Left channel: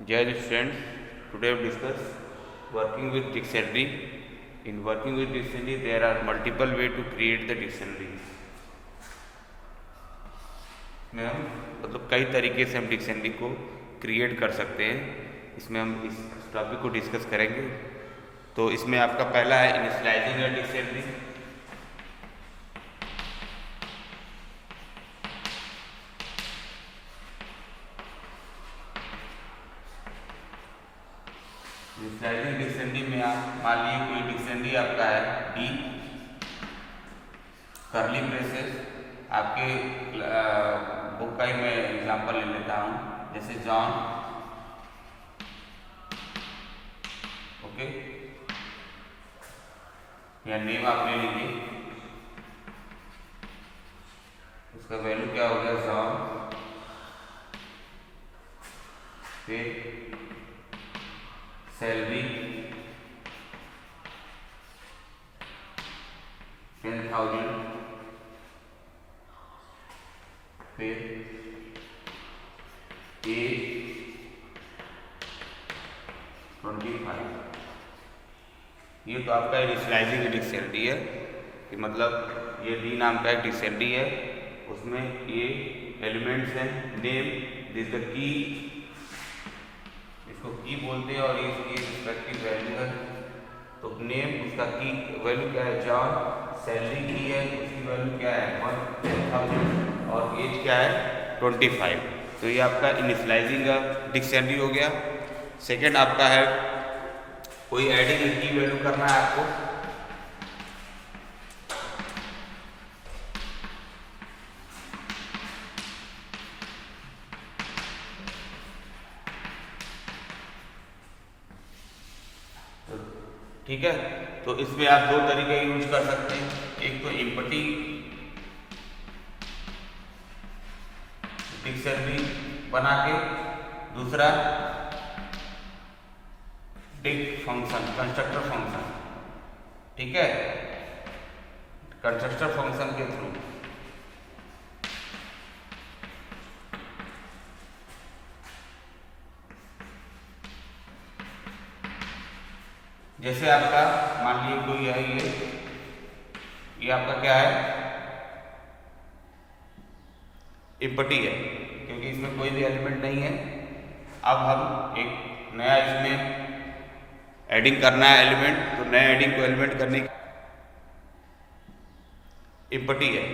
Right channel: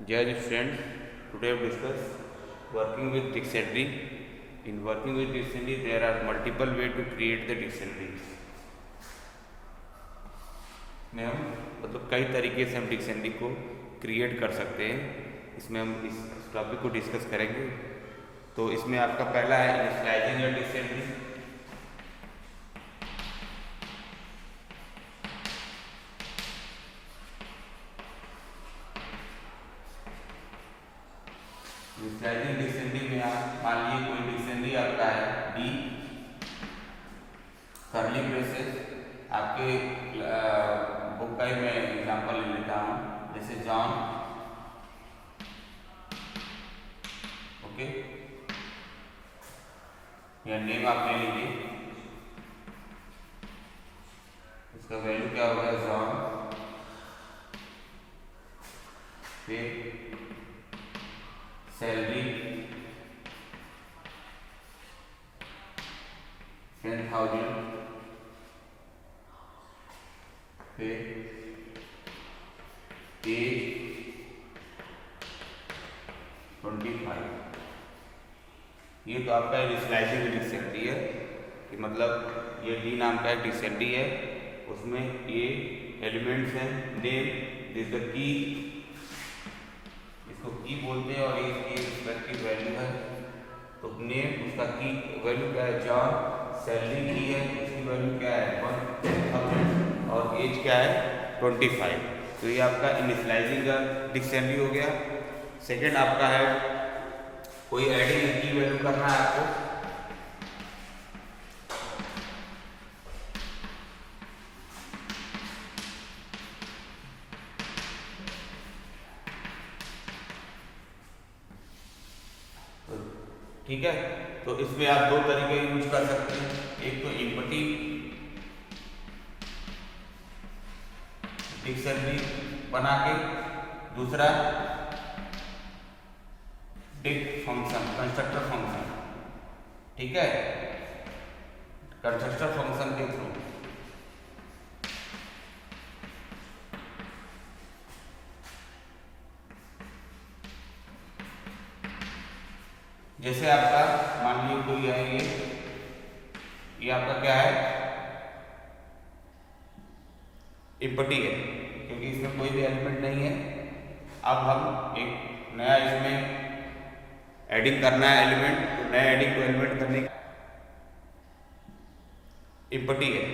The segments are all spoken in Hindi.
Dear students, today we discuss working with dictionary. In working with dictionary, there are multiple way to create the dictionary. में हम मतलब कई तरीके से हम डिक्शनरी को क्रिएट कर सकते हैं। इसमें हम इस टॉपिक को डिस्कस करेंगे। तो इसमें आपका पहला है initialising a dictionary. Initialising dictionary में आप मान लीजिए कोई डिक्शनरी आपका है डी करली ब्रेसेस। आपके बुक का ही मैं एग्जांपल ले लेता हूँ, जैसे जॉन, ओके, या नेम आप ले लीजिए, उसका वैल्यू क्या हो गया जॉन, फिर सैलरी 10,000, फिर एज 25। ये तो आपका इनिशियलाइजिंग डिक्शनरी है कि मतलब ये डी नाम का एक डिक्शनरी है, उसमें ये एलिमेंट्स हैं। नेम दिस द की, इसको की बोलते हैं, और ये रिस्पेक्टिव वैल्यू है। तो नेम उसका की वैल्यू क्या है जॉन, सैलरी की है उसकी वैल्यू क्या है 10,000, और एज क्या है 25। तो ये आपका इनिशियलाइजिंग डिक्शनरी हो गया। सेकंड आपका है कोई एडिंग की वैल्यू करना है आपको। तो ठीक है, तो इसमें आप दो तरीके यूज कर सकते हैं। एक तो एम्पटी डिक्शनरी बना के, दूसरा डिक फंक्शन, कंस्ट्रक्टर फंक्शन। ठीक है, कंस्ट्रक्टर फंक्शन के थ्रू। जैसे आपका मान लीजिए कोई है, ये आपका क्या है एम्पटी है, क्योंकि इसमें कोई भी एलिमेंट नहीं है। अब हम एक नया इसमें एडिंग करना है एलिमेंट, तो नया एडिंग को एलिमेंट करने एम्पटी है,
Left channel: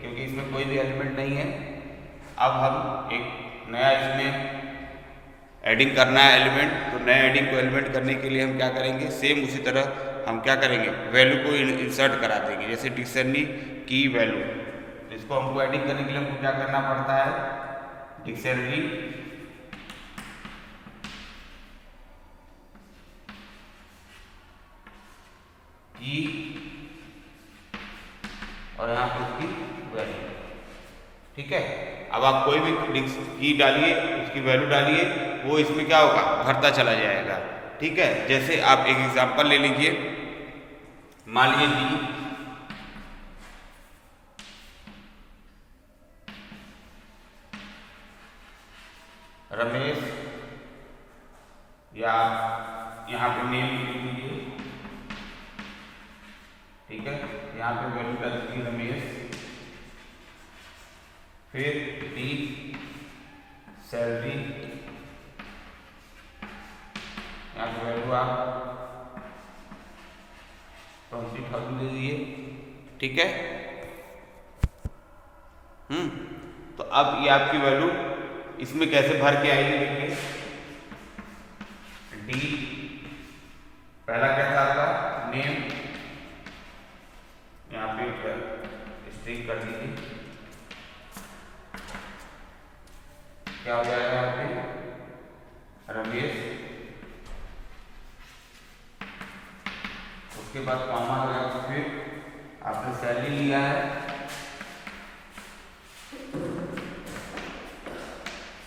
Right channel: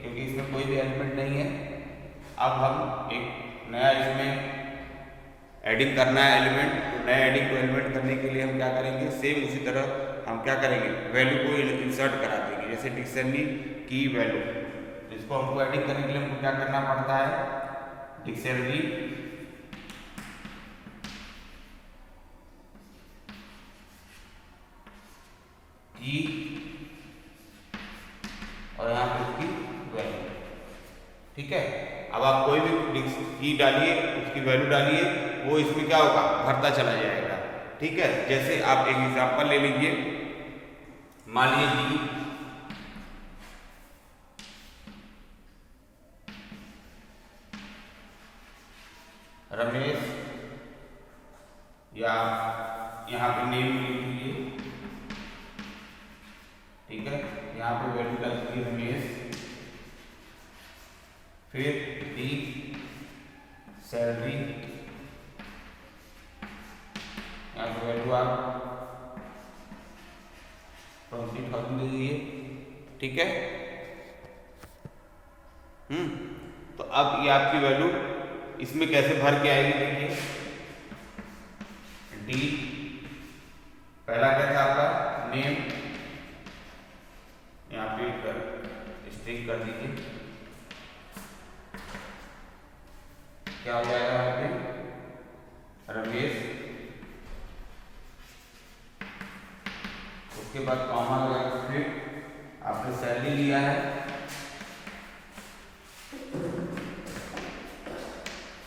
क्योंकि इसमें कोई भी एलिमेंट नहीं है। अब हम एक नया इसमें एडिंग करना है एलिमेंट, तो नया एडिंग को एलिमेंट करने के लिए हम क्या करेंगे, सेम उसी तरह हम क्या करेंगे, वैल्यू को इंसर्ट करा देंगे। जैसे डिक्शनरी की वैल्यू, इसको हमको एडिंग करने के लिए हमको क्या करना पड़ता है, डिक्शनरी की और यहाँ पे उसकी वैल्यू। ठीक है, अब आप कोई भी की डालिए, उसकी वैल्यू डालिए, वो इसमें क्या होगा भरता चला जाएगा। ठीक है, जैसे आप एक एग्जांपल ले लीजिए, मान लीजिए रमेश, या यहाँ पे नेम लिख दीजिए। ठीक है, यहाँ पे वैल्यू डाल दीजिए रमेश, फिर डी सैलरी, यहाँ पे वैल्यू आप 20,000 दे दीजिए। ठीक है, तो अब ये आपकी वैल्यू इसमें कैसे भर के आएगी, देखिए डी पहला क्या था आपका नेम, यहाँ पे स्ट्रिंग कर दीजिए, क्या हो जाएगा यहाँ पे रमेश, उसके बाद कॉमा लगा के फिर आपने सैलरी लिया है,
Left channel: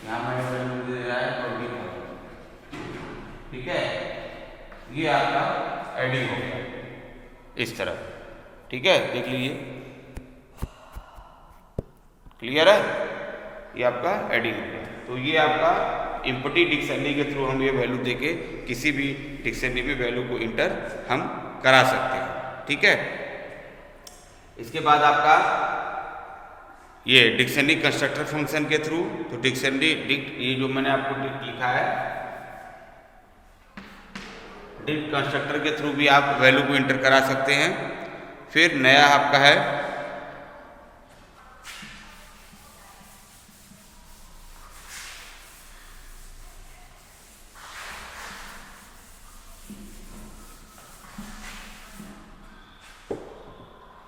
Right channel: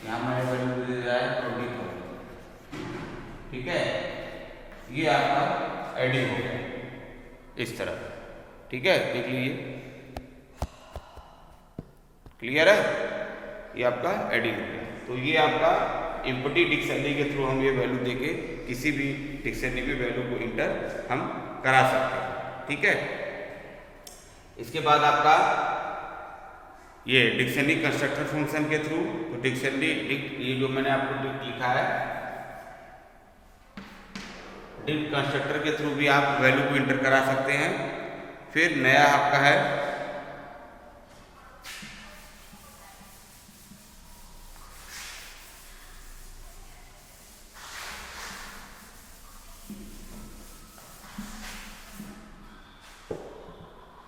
यहाँ मैं वैल्यू दे रहा है 24। ठीक है, ये आपका एडिंग हो गया इस तरह। ठीक है, देख लीजिए, क्लियर है, ये आपका एडिंग हो गया। तो ये आपका इम्पटी डिक्शनरी के थ्रू हम ये वैल्यू देके किसी भी डिक्शनरी में वैल्यू को इंटर हम करा सकते हैं। ठीक है, इसके बाद आपका ये डिक्शनरी कंस्ट्रक्टर फंक्शन के थ्रू, तो डिक्शनरी ये जो मैंने आपको डिक्ट लिखा है, डिक्ट कंस्ट्रक्टर के थ्रू भी आप वैल्यू को इंटर करा सकते हैं। फिर नया आपका है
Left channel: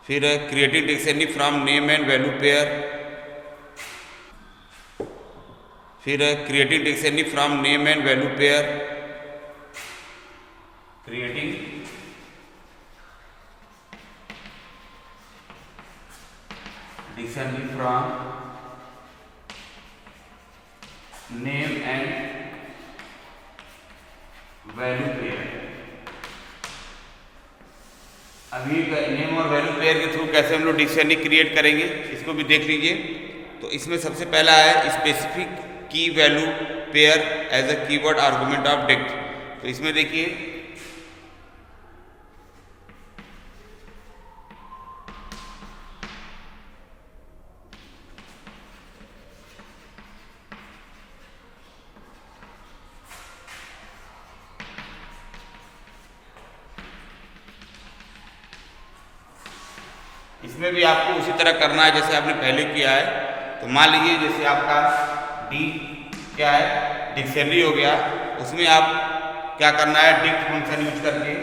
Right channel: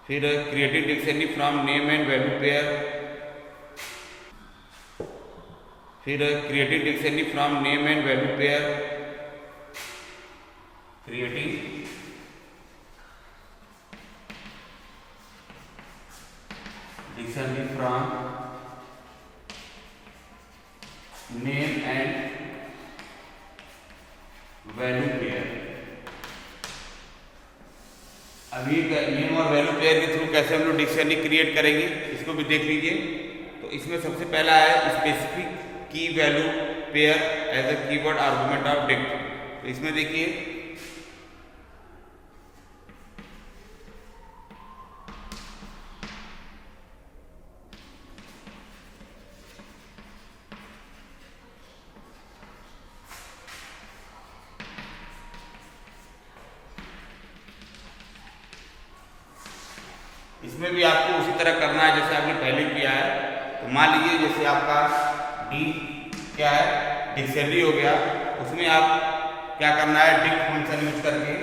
फिर creating dictionary from name and value pair, फिर creating dictionary from name and value pair, creating dictionary from name and value pair. अभी नेम और वैल्यू पेयर के थ्रू कैसे हम लोग डिक्शनरी क्रिएट करेंगे इसको भी देख लीजिए। तो इसमें सबसे पहला है specific key value pair as a keyword argument of dict. तो इसमें देखिए इसमें भी आपको उसी तरह करना है जैसे आपने पहले किया है। तो मान लीजिए जैसे आपका डी क्या है, डिक्शनरी हो गया, उसमें आप क्या करना है, डिक्ट फंक्शन यूज करके,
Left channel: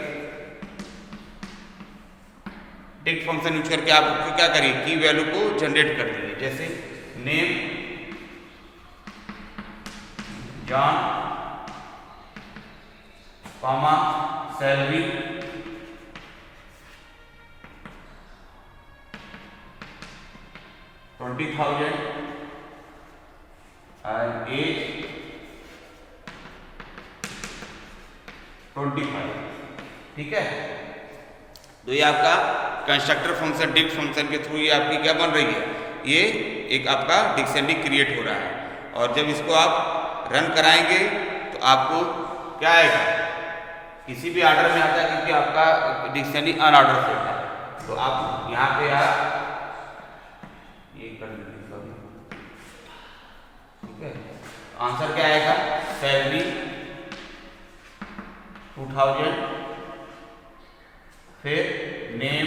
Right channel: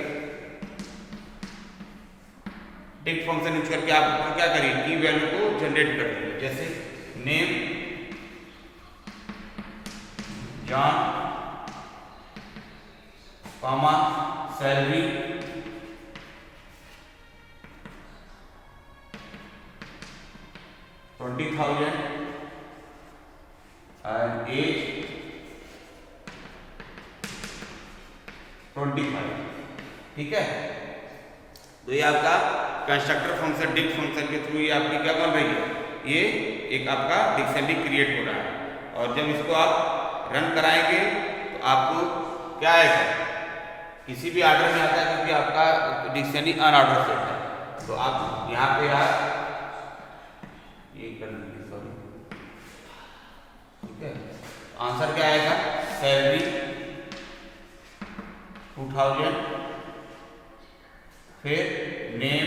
डिक्ट फंक्शन यूज करके आप क्या करिए, की वैल्यू को जनरेट कर दीजिए। जैसे name John comma salary $20,000 and age 25। ठीक है, तो ये आपका कंस्ट्रक्टर फंक्शन डिक्ट फंक्शन के थ्रू ये आपकी क्या बन रही है, ये एक आपका डिक्शनरी क्रिएट हो रहा है। और जब इसको आप रन कराएंगे तो आपको क्या आएगा, किसी भी ऑर्डर में आता है क्योंकि आपका डिक्शनरी अनऑर्डर सेट है। तो आप यहाँ पे आप ये कर लीजिए, सॉरी, ठीक है। आंसर क्या आएगा, सैलरी 2000, फिर नेम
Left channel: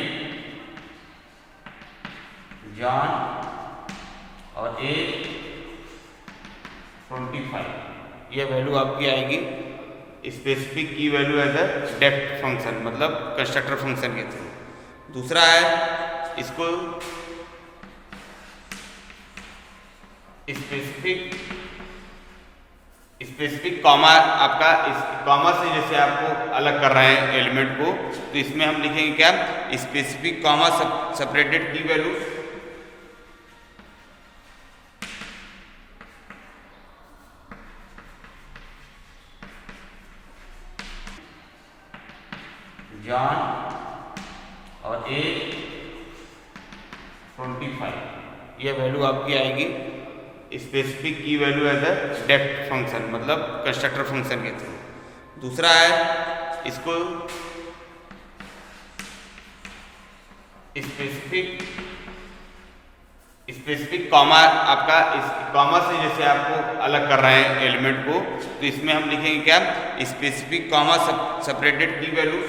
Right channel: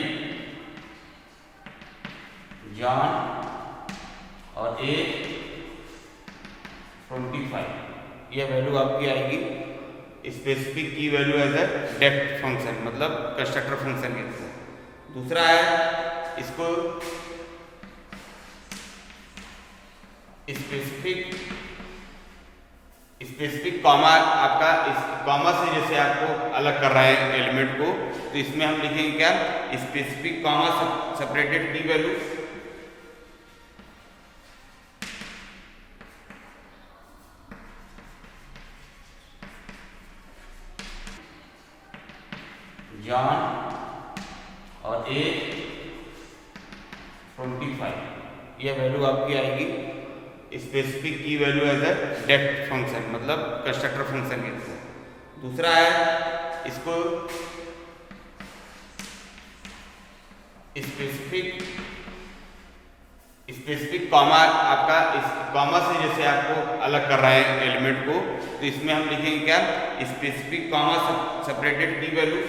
जॉन और एज 25। ये वैल्यू आपकी आएगी specific key value as a depth function, मतलब कंस्ट्रक्टर फंक्शन के थ्रू। दूसरा है इसको स्पेसिफिक कॉमा, आपका इस कॉमा से जैसे आपको अलग कर रहे हैं एलिमेंट को, तो इसमें हम लिखेंगे क्या, specific comma separated key value John और एज 25। ये वैल्यू आपकी आएगी specific key value as a depth function, मतलब कंस्ट्रक्टर फंक्शन के थ्रू। दूसरा है इसको स्पेसिफिक कॉमा, आपका इस कॉमा से जैसे आपको अलग कर रहे हैं एलिमेंट को, तो इसमें हम लिखेंगे क्या, specific comma separated key value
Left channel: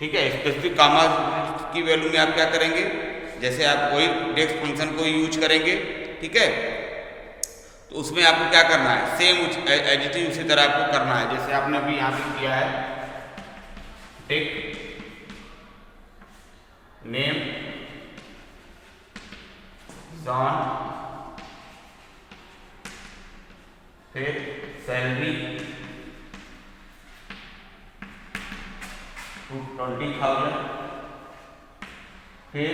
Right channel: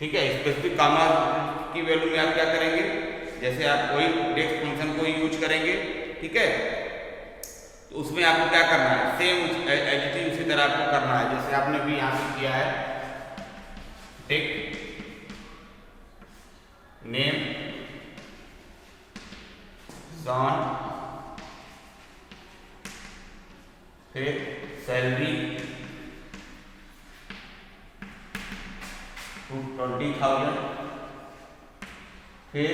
ठीक है। स्पेसिफिक कॉमा की वैल्यू में आप क्या करेंगे, जैसे आप वही डेक्स फंक्शन को यूज करेंगे, ठीक है। तो उसमें आपको क्या करना है, सेम एज इट इज उसी तरह आपको करना है जैसे आपने अभी यहाँ पे किया है। टेक नेम जॉन, फिर सैलरी 20,000, फिर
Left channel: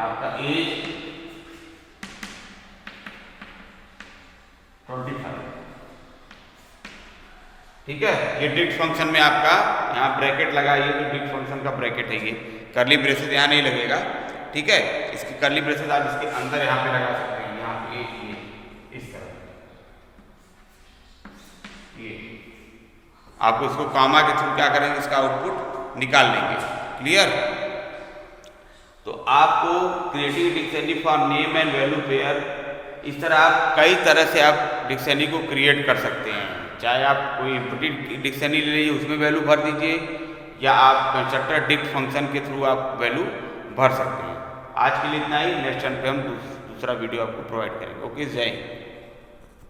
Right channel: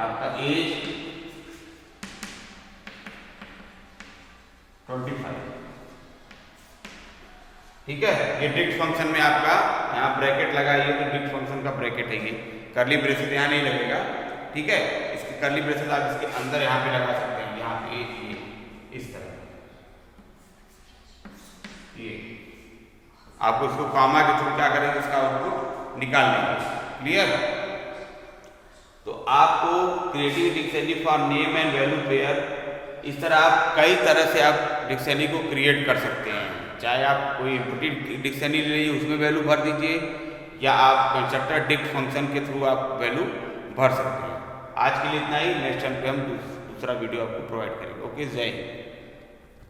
आपका एज 25। ठीक है। ये डिक्ट फंक्शन में आपका यहाँ ब्रैकेट लगा, ये तो डिक्ट फंक्शन का ब्रैकेट है, ये कर्ली ब्रेसेस यहाँ नहीं लगेगा, ठीक है। इसकी कर्ली ब्रेसेस आप इसके अंदर यहाँ पे लगा सकते हैं, यहाँ पे ये इस तरह, ये आप उसको कॉमा के थ्रू क्या करेंगे, इसका आउटपुट निकाल लेंगे। क्लियर। तो आपको creative dictionary for name and value pair, इस तरह आप कई तरह से आप डिक्शनरी को क्रिएट कर सकते हैं। चाहे आप कोई इम्पोर्टेंट डिक्शनरी ले लीजिए, उसमें वैल्यू भर दीजिए, या आप कंस्ट्रक्टर डिक्ट फंक्शन के थ्रू आप वैल्यू भर सकते हैं। आज के लिए इतना ही। नेक्स्ट टाइम पे हम दूसरा वीडियो आपको प्रोवाइड करेंगे। ओके, जय हिंद।